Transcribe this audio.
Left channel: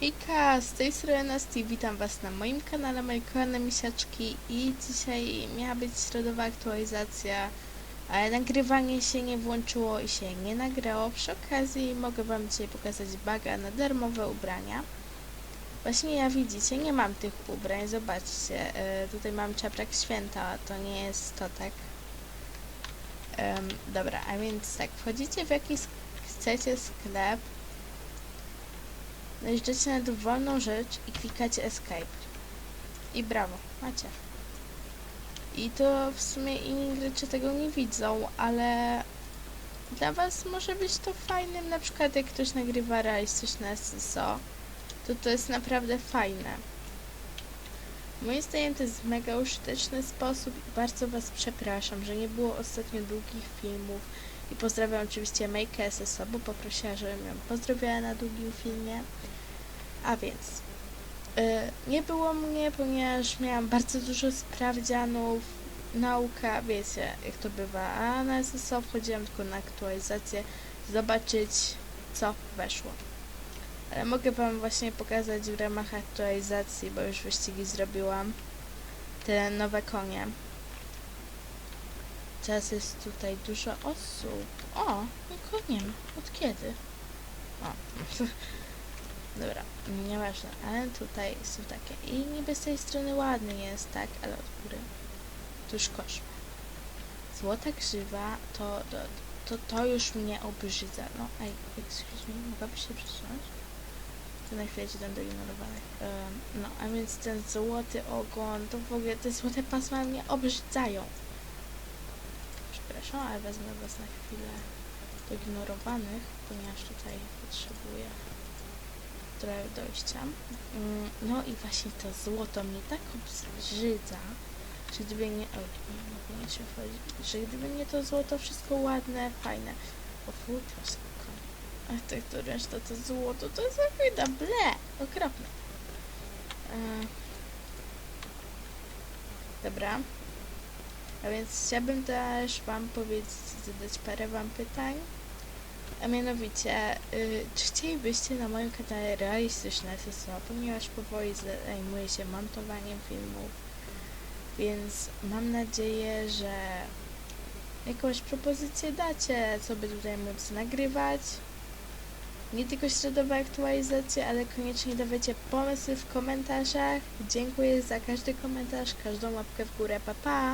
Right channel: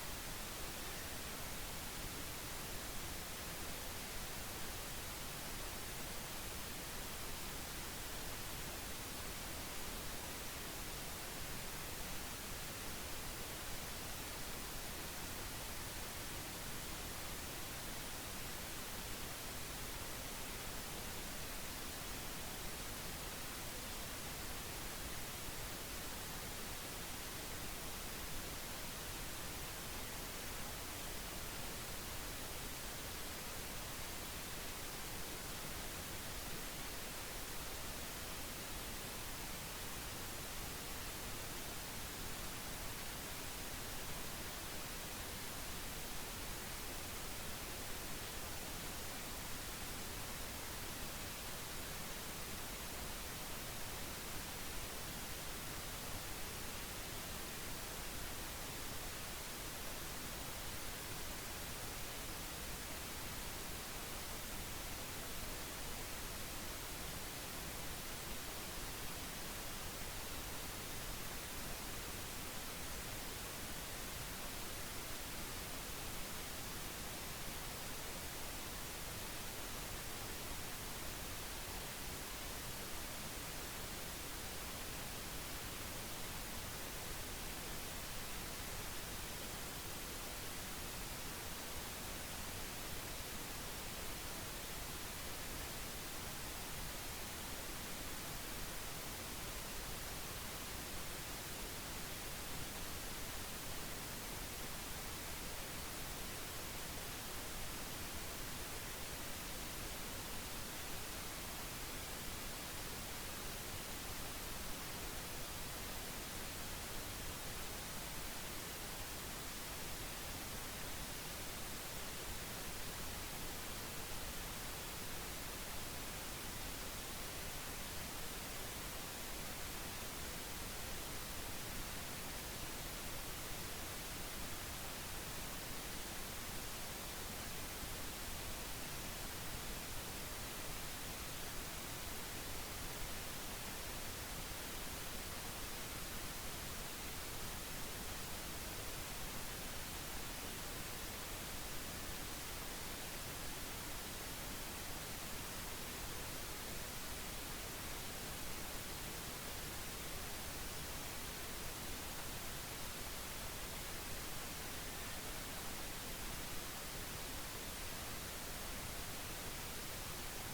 Hejka, z tej strony Nasty, witam was na moim kanale, moje kochane misiaczki i dzisiaj miała być środowa aktualizacja, ale nagrywanie się nie włączyło i się nie nagrało. Przy okazji mogę wam dzisiaj pokazać baga na darmowe ubrania. Właśnie jak widzicie, nie mam tych ubrań, zobaczcie, e, tutaj mam czaprak święta, to nie jest to tak. Dobra, a więc tak, wchodzicie w jakiś chcecie sklep, Najeżdżacie na dowolną rzecz i klikacie escape. I brawo, macie. I to w sumie inni gracze tego nie widzą, ale dla was może być to fajnym, na przykład jak ktoś nagrywa realistyczne SSO, to to jest naprawdę fajne. Moim zdaniem to jest mega użyteczny sposób bardzo was przepraszam, że nie było ostatnio długich filmów i pozdrawiam oczywiście Make SSO, bo poprosiła, żebym ją pozdrowiła na długim filmie. A więc y, nie było mnie, ponieważ miałam bardzo dużo sprawdzianów, nauka, wiecie jak to bywa, a na SSO wchodziłam tylko na aktualizację, zobaczyć co weszło. Ale mogę wam właśnie pokazać w ramach aktualizacji, bo już wyścigi zrobiłam, te nowe konie. Teraz jest tutaj dużo osób. O, nikogo nie ma. Od kiedy? O. Nieważne, ale tutaj są takie. I niby z tej strony ładny jest, tak, ale od góry to już koszmar. Złota grzywa to, to, to, to już mnie obrzydza. No, aj, excuse me, mogę się przesunąć? To na chwilę ci dam do ignorowanych. Em, no, a więc ten złoty ogon, to w ogóle te złote pasma mnie obrzydzają. Przepraszam, ale wezmę was na chwilę do ignorowanych, ponieważ tutaj trochę dojścia. Mm, No i właśnie to złoto mnie tak obrzydza, że gdyby nie... O, nie powinno się wchodzić. Że gdyby nie to złoto, wszystko ładne, fajne. O kurwa, spoko. A tak to reszta to złoto, to jest wyda, ble, okropne. E, Dobra. A więc chciałabym też wam powiedzieć, zadać parę wam pytań. A mianowicie, y, czy chcielibyście na moim kanale realistyczne SSO, ponieważ powoli zajmuję się montowaniem filmów, więc mam nadzieję, że jakąś propozycję dacie, co by tutaj móc nagrywać. Nie tylko środowe aktualizacje, ale koniecznie dawajcie pomysły w komentarzach. Dziękuję za każdy komentarz, każdą łapkę w górę, pa pa!